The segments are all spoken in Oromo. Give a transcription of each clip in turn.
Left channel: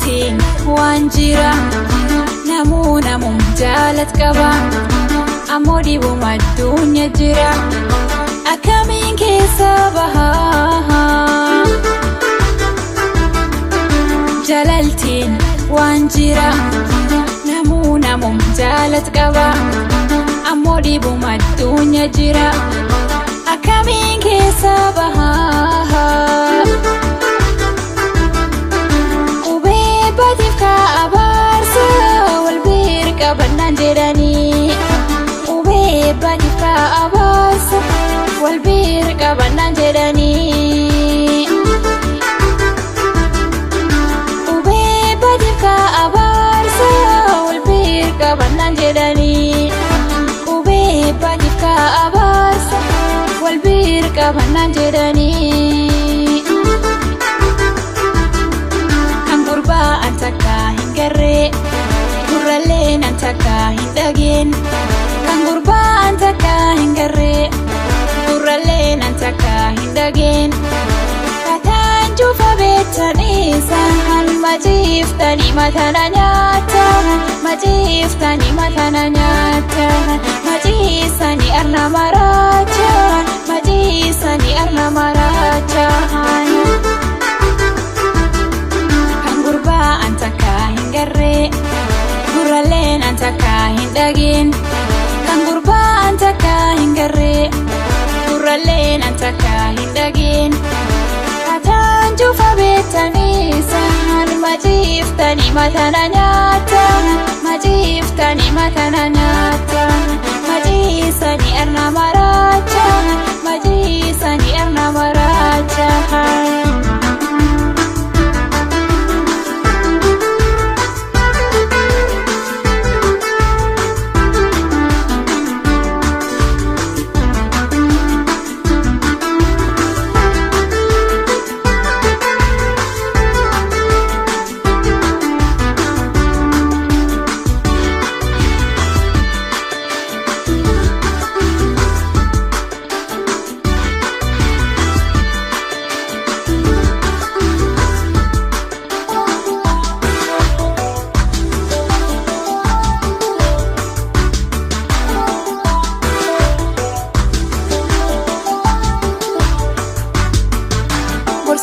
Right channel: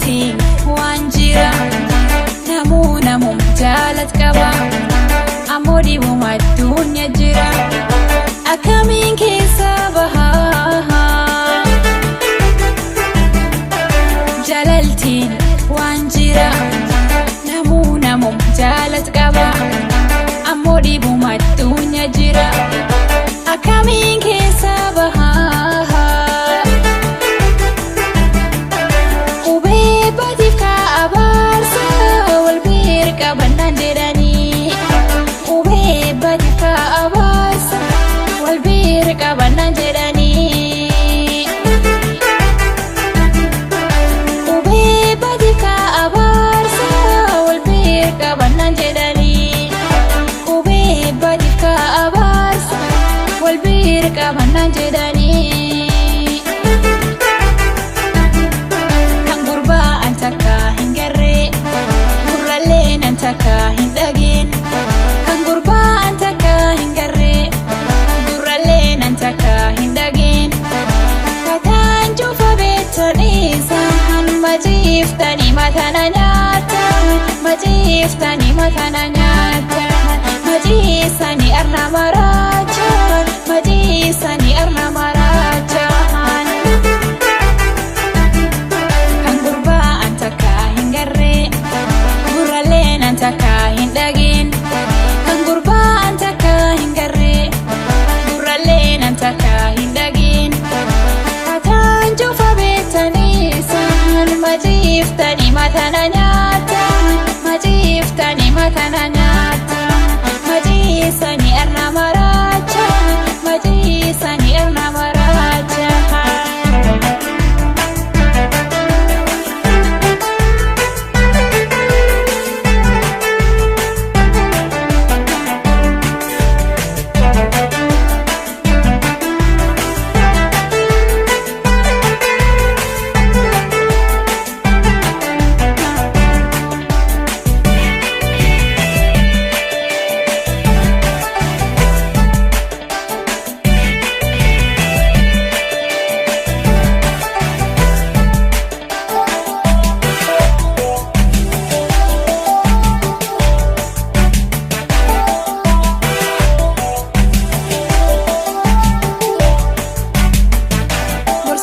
jalaltiin waan jira namum jaalat qaba ammoo dhibuma addunyaa jira akkamiin keessa bahaa jalaltiin waan jira namum jaalat qaba ammoo dhibuma addunyaa jira akkamiin keessa bahaa qubee baatiif ka'abaarsa wal bira qabannaan jedhanii qubee baatiif ka'abaarsa wal bira qabannaan jedhanii qubee baatiif ka'abaarsa wal bira qabannaan jedhanii qubee baatiif ka'abaarsa wal bira qabannaan jedhanii kan gurbaan takka hin garree gurraaleen an takka hin dhageen kan gurbaan takka hin garree gurraaleen an takka hin dhageen kataan cufa beektanii isaan maciiftanii matana nyaatan maciiftanii matana nyaatan maciisanii arna maraachaan maciisanii arna maraachaan kan gurbaan takka hin garree gurraaleen an takka hin dhageen kan gurbaan takka hin garree gurraaleen an takka hin dhageen kataan cufa beektanii isaan maciiftanii matana nyaatan maciiftanii matana nyaatan maciisanii arna maraachaan maciisanii arna maraachaan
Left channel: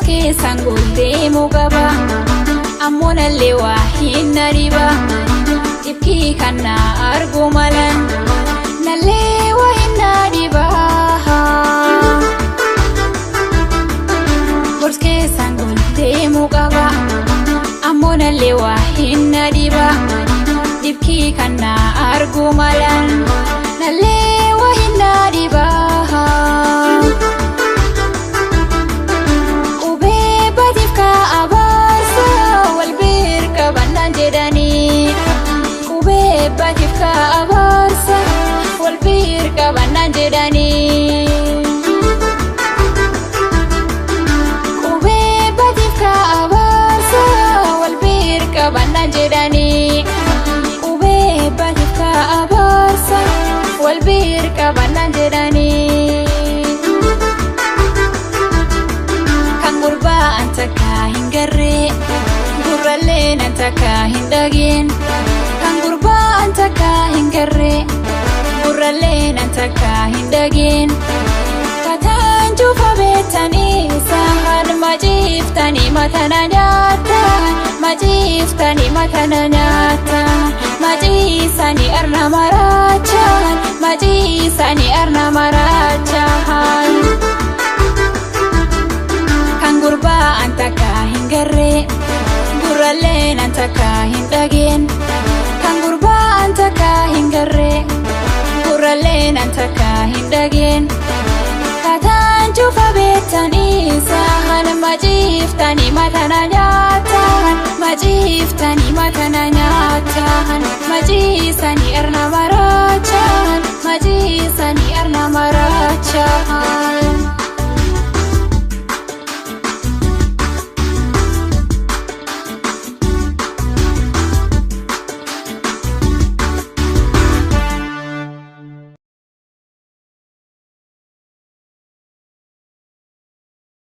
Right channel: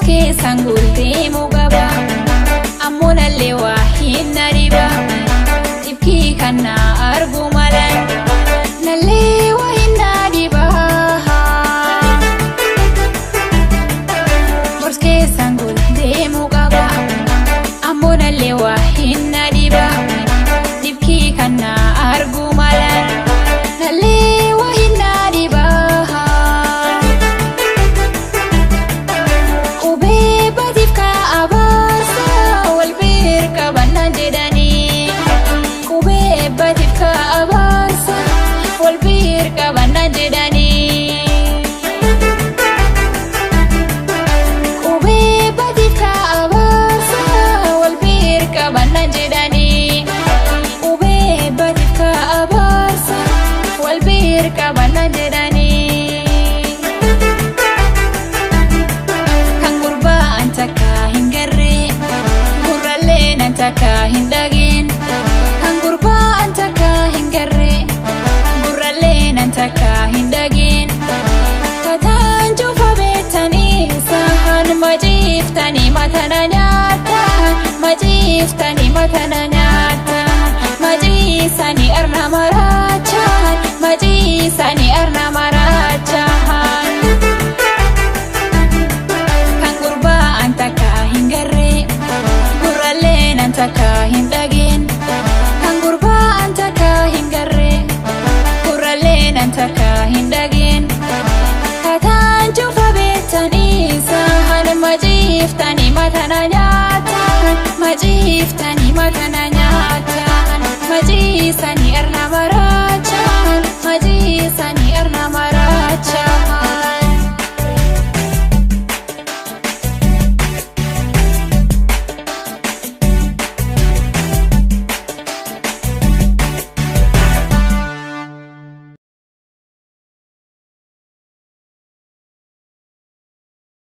keessan deemuu qaba ammoo nallee waa hin dhiba dhibkii kan na argu malan nallee waa hin dhiba keessan deemuu qaba ammoo nallee waa hin dhiba dhibkii kan na argu malan nallee waa hin dhiba jedhanii qubee baatiif ka'abaarsa wal bira qabannaan jedhanii qubee baatiif ka'abaarsa wal bira qabannaan jedhanii qubee baatiif ka'abaarsa wal bira qabannaan jedhanii kan gurbaan takka hin garree gurraaleen an takka hin dhageen kan gurbaan takka hin garree gurraaleen an takka hin dhageen kataan cufa beektanii isaan maciiftanii matana nyaatan maciiftanii matana nyaatan maciisanii arna maraachaan maciisanii arna maraachaan kan gurbaan takka hin garree gurraaleen an takka hin dhageen kan gurbaan takka hin garree gurraaleen an takka hin dhageen kataan cufa beektanii isaan maciiftanii matana nyaatan maciiftanii matana nyaatan maciisanii arna maraachaan maciisanii arna maraachaan